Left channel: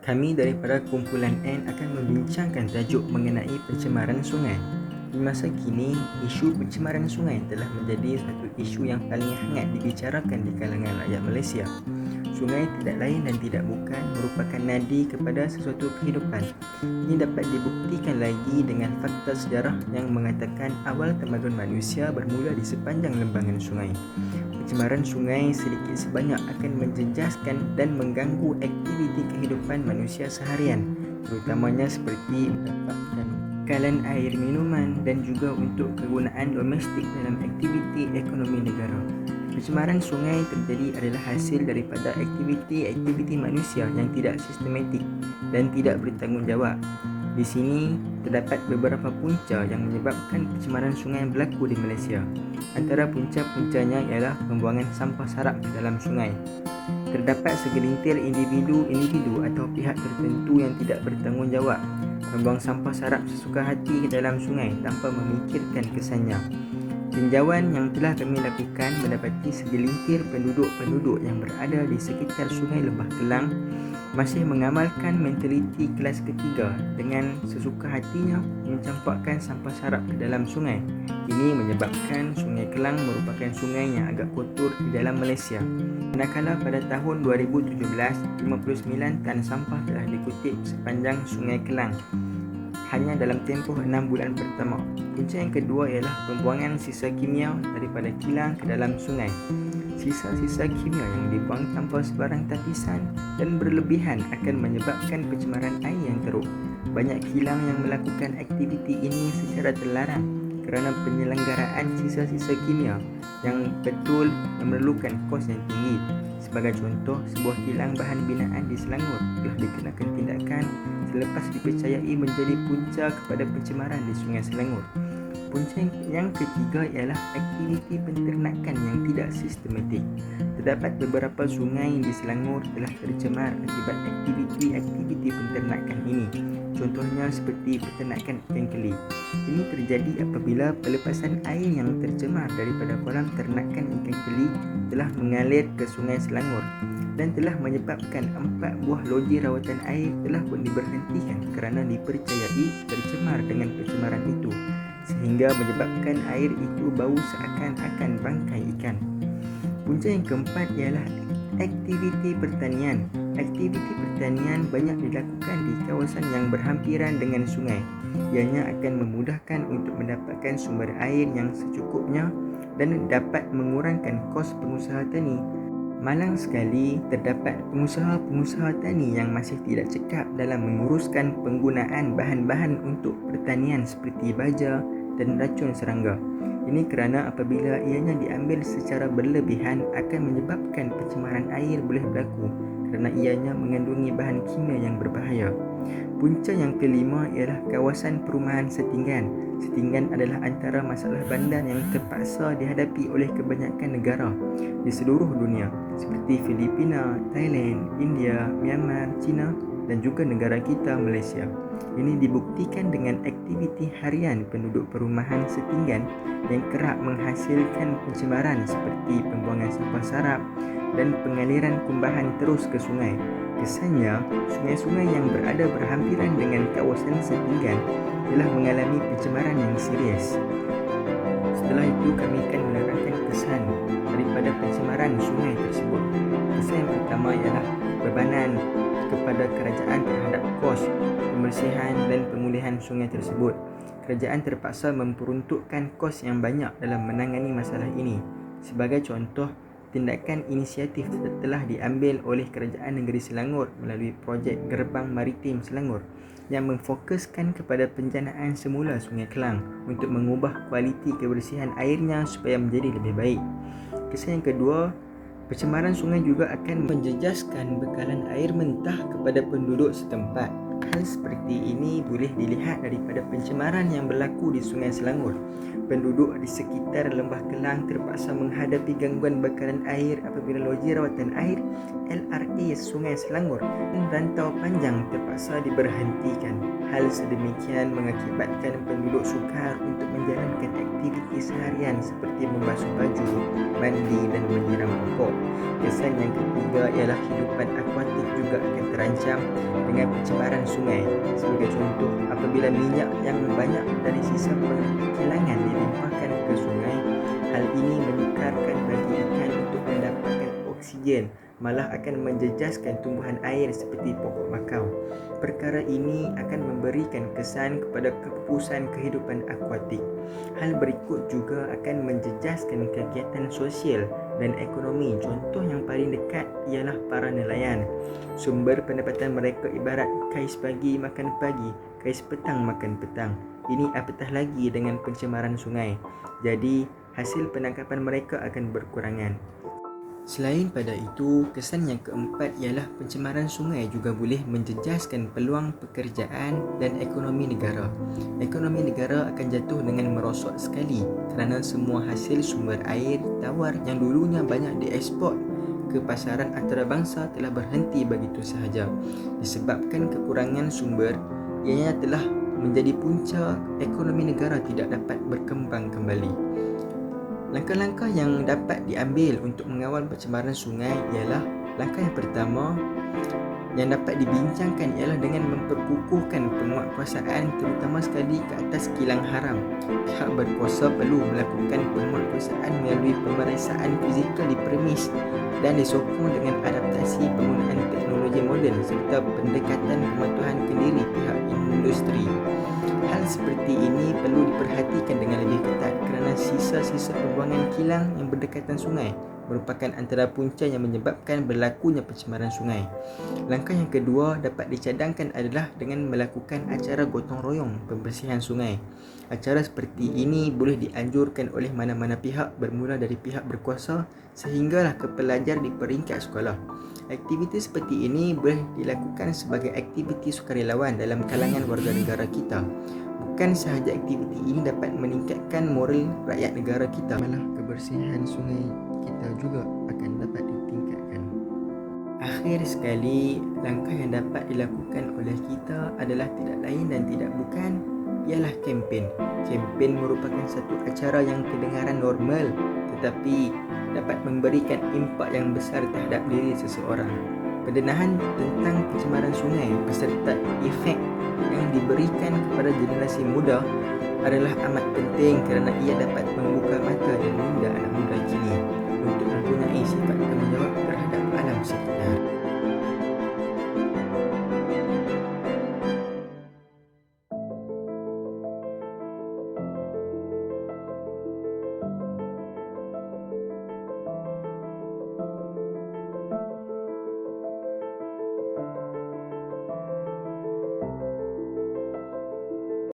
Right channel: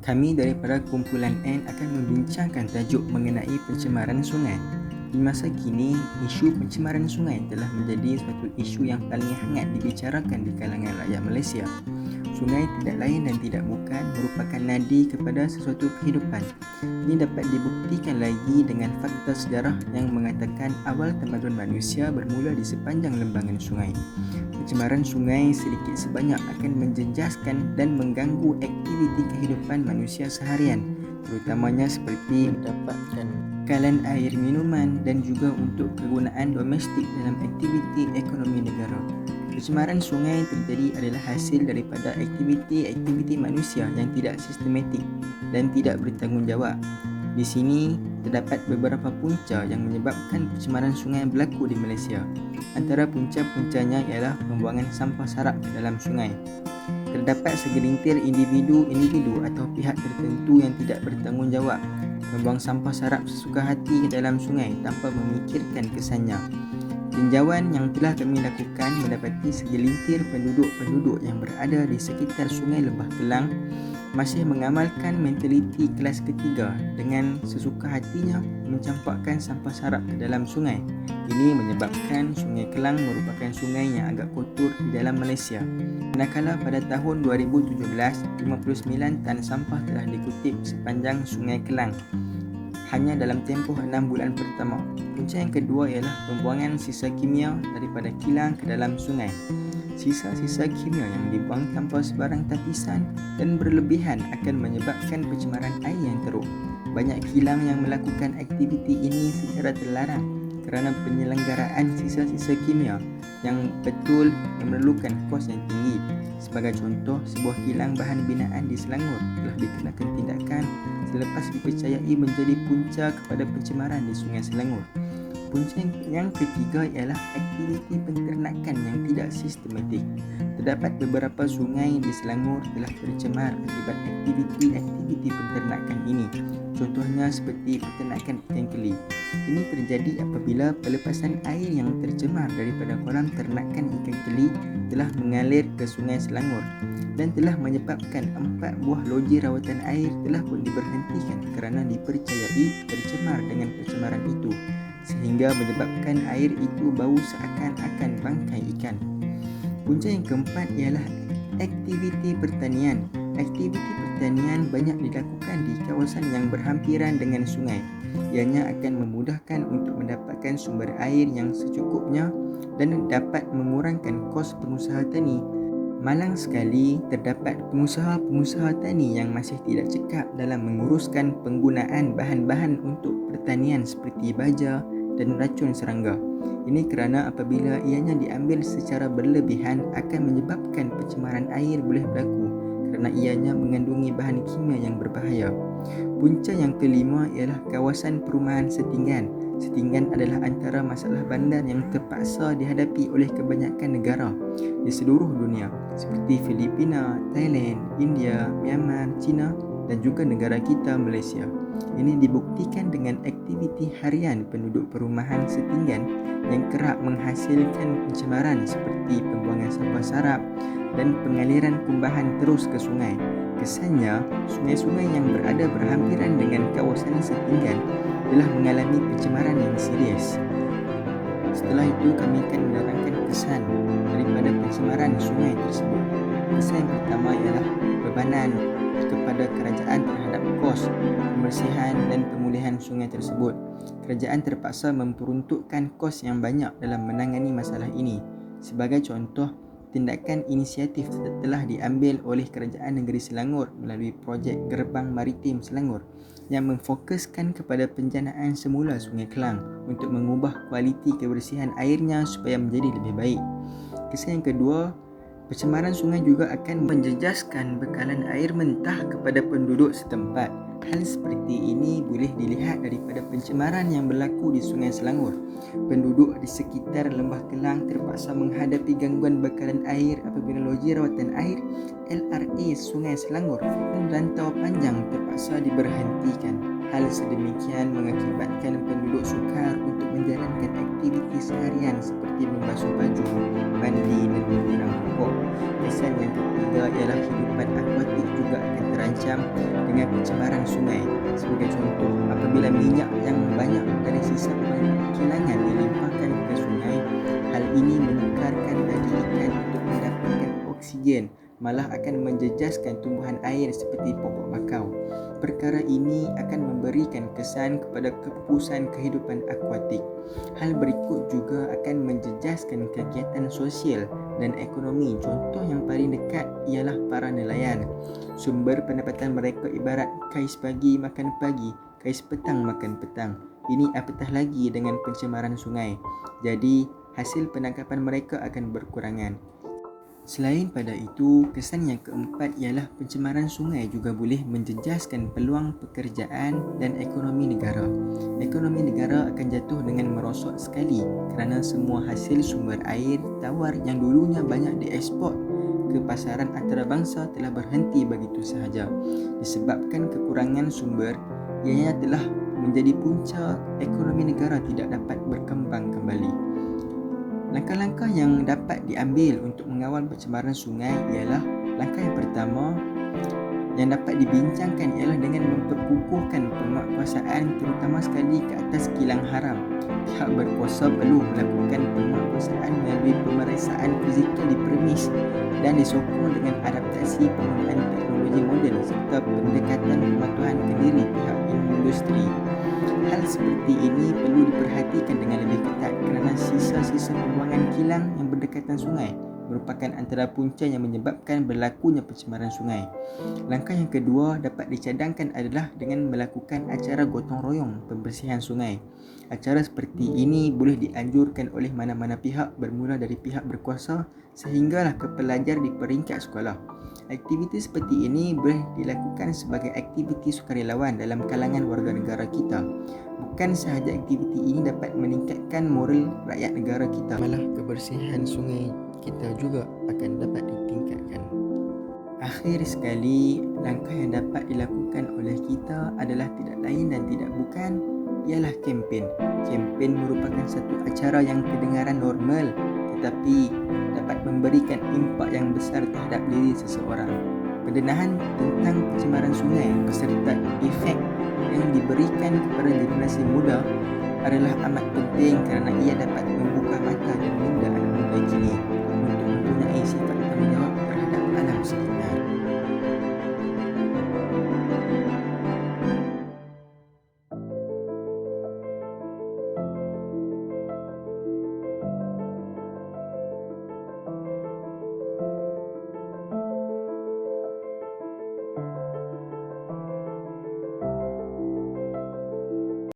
Kami daripada kumpulan N akan membincangkan tajuk mengenai pencemaran sungai. Di masa kini, isu pencemaran sungai telah menjadi satu isu yang paling hangat dibicarakan di kalangan rakyat Malaysia. Sungai tidak lain dan tidak bukan merupakan nadi kepada sesuatu kehidupan. Ini dapat dibuktikan lagi dengan fakta sejarah yang mengatakan awal tamadun manusia bermula di sepanjang lembangan sungai. Pencemaran sungai sedikit sebanyak akan menjejaskan dan mengganggu aktiviti kehidupan manusia seharian, terutamanya seperti mendapatkan bekalan air minuman dan juga untuk kegunaan domestik dalam aktiviti ekonomi negara. Pencemaran sungai terjadi adalah hasil daripada aktiviti-aktiviti manusia yang tidak sistematik dan tidak bertanggungjawab. Di sini terdapat beberapa punca yang menyebabkan pencemaran sungai berlaku di Malaysia. Antara punca-puncanya ialah pembuangan sampah sarap ke dalam sungai. Terdapat segelintir individu atau pihak tertentu yang tidak bertanggungjawab membuang sampah sarap sesuka hati ke dalam sungai tanpa memikirkan kesannya. Tinjauan yang telah kami lakukan mendapati segelintir penduduk-penduduk yang berada di sekitar sungai Lembah Kelang masih mengamalkan mentaliti kelas ketiga dengan sesuka hatinya mencampakkan sampah sarap ke dalam sungai. Ini menyebabkan Sungai Kelang merupakan sungai yang agak kotor di dalam Malaysia. Manakala pada tahun 2017, 59 tan sampah telah dikutip sepanjang Sungai Kelang hanya dalam tempoh 6 bulan pertama. Punca yang kedua ialah pembuangan sisa kimia daripada kilang ke dalam sungai. Sisa-sisa kimia yang dibuang tanpa sebarang tapisan dan berlebihan akan menyebabkan pencemaran air yang teruk. Banyak kilang yang melakukan aktiviti ini secara terlarang kerana penyelenggaraan sisa-sisa kimia yang betul memerlukan kos yang tinggi. Sebagai contoh, sebuah kilang bahan binaan di Selangor telah dikenakan tindakan selepas dipercayai menjadi punca kepada pencemaran di Sungai Selangor. Punca yang ketiga ialah aktiviti penternakan yang tidak sistematik. Terdapat beberapa sungai di Selangor telah tercemar akibat aktiviti penternakan ini. Contohnya seperti peternakan ikan keli. Ini terjadi apabila pelepasan air yang tercemar daripada kolam ternakan ikan keli telah mengalir ke Sungai Selangor dan telah menyebabkan 4 buah loji rawatan air telah pun diberhentikan kerana dipercayai tercemar dengan pencemaran itu, sehingga menyebabkan air itu bau seakan-akan bangkai ikan. Punca yang keempat ialah aktiviti pertanian. Aktiviti pertanian banyak dilakukan di kawasan yang berhampiran dengan sungai. Ianya akan memudahkan untuk mendapatkan sumber air yang secukupnya dan dapat mengurangkan kos pengusaha tani. Malang sekali terdapat pengusaha-pengusaha tani yang masih tidak cekap dalam menguruskan penggunaan bahan-bahan untuk pertanian seperti baja dan racun serangga. Ini kerana apabila ianya diambil secara berlebihan akan menyebabkan pencemaran air boleh berlaku kerana ianya mengandungi bahan kimia yang berbahaya. Punca yang kelima ialah kawasan perumahan setinggan. Setinggan adalah antara masalah bandar yang terpaksa dihadapi oleh kebanyakan negara di seluruh dunia seperti Filipina, Thailand, India, Myanmar, China dan juga negara kita Malaysia. Ini dibuktikan dengan aktiviti harian penduduk perumahan setinggan yang kerap menghasilkan pencemaran seperti pembuangan sampah sarap dan pengaliran kumbahan terus ke sungai. Kesannya, sungai-sungai yang berada berhampiran dengan kawasan setinggan telah mengalami pencemaran yang serius. Setelah itu, kami akan menerangkan kesan daripada pencemaran sungai tersebut. Kesan yang pertama ialah bebanan kepada kerajaan terhadap kos pembersihan dan pemulihan sungai tersebut. Kerajaan terpaksa memperuntukkan kos yang banyak dalam menangani masalah ini. Sebagai contoh, tindakan inisiatif telah diambil oleh Kerajaan Negeri Selangor melalui projek Gerbang Maritim Selangor yang memfokuskan kepada penjanaan semula Sungai Kelang untuk mengubah kualiti kebersihan airnya supaya menjadi lebih baik. Kesan yang kedua, pencemaran sungai juga akan menjejaskan bekalan air mentah kepada penduduk setempat. Hal seperti ini boleh dilihat daripada pencemaran yang berlaku di Sungai Selangor. Penduduk di sekitar Lembah Kelang terpaksa menghadapi gangguan bakaran air apabila loji rawatan air LRA Sungai Selangor dan rantau panjang terpaksa diberhentikan. Hal sedemikian mengakibatkan penduduk sukar untuk menjalankan aktiviti seharian seperti membasuh baju, mandi dan menyiram pokok. Kesan yang ketiga ialah kehidupan akuatik juga akan terancam dengan pencemaran sungai. Sebagai contoh, apabila minyak yang banyak dari sisa pengkilangan dilimpahkan ke sungai, hal ini menyukarkan bagi ikan untuk mendapatkan oksigen, malah akan menjejaskan tumbuhan air seperti pokok bakau. Perkara ini akan memberikan kesan kepada kepupusan kehidupan akuatik. Hal berikut juga akan menjejaskan kegiatan sosial dan ekonomi. Contoh yang paling dekat ialah para nelayan. Sumber pendapatan mereka ibarat kais pagi makan pagi, kais petang makan petang. Ini apatah lagi dengan pencemaran sungai. Jadi, hasil penangkapan mereka akan berkurangan. Selain pada itu, kesan yang keempat ialah pencemaran sungai juga boleh menjejaskan peluang pekerjaan dan ekonomi negara. Ekonomi negara akan jatuh dengan merosot sekali kerana semua hasil sumber air tawar yang dulunya banyak dieksport ke pasaran antarabangsa telah berhenti begitu sahaja. Disebabkan kekurangan sumber, ianya telah menjadi punca ekonomi negara tidak dapat berkembang kembali. Langkah-langkah yang dapat diambil untuk mengawal pencemaran sungai ialah langkah yang pertama yang dapat dibincangkan ialah dengan memperkukuhkan penguatkuasaan terutama sekali ke atas kilang haram. Pihak berkuasa perlu melakukan penguatkuasaan melalui pemeriksaan fizikal di premis dan disokong dengan adaptasi penggunaan teknologi moden serta pendekatan pematuhan kendiri pihak industri. Hal seperti ini perlu diperhatikan dengan lebih ketat kerana sisa-sisa pembuangan kilang yang berdekatan sungai merupakan antara punca yang menyebabkan berlakunya pencemaran sungai. Langkah yang kedua dapat dicadangkan adalah dengan melakukan acara gotong royong pembersihan sungai. Acara seperti ini boleh dianjurkan oleh mana-mana pihak bermula dari pihak berkuasa sehinggalah ke pelajar di peringkat sekolah. Aktiviti seperti ini boleh dilakukan sebagai aktiviti sukarelawan dalam kalangan warga negara kita. Bukan sahaja aktiviti ini dapat meningkatkan moral rakyat negara kita, malah kebersihan sungai kita juga akan dapat ditingkatkan. Akhir sekali, langkah yang dapat dilakukan oleh kita adalah tidak lain dan tidak bukan ialah kempen. Kempen merupakan satu acara yang kedengaran normal tetapi dapat memberikan impak yang besar terhadap diri seseorang. Pendedahan tentang pencemaran sungai beserta efek yang diberikan kepada generasi muda adalah amat penting kerana ia dapat membuka mata dan minda anak muda kini untuk mempunyai sikap tanggungjawab terhadap alam sekitar.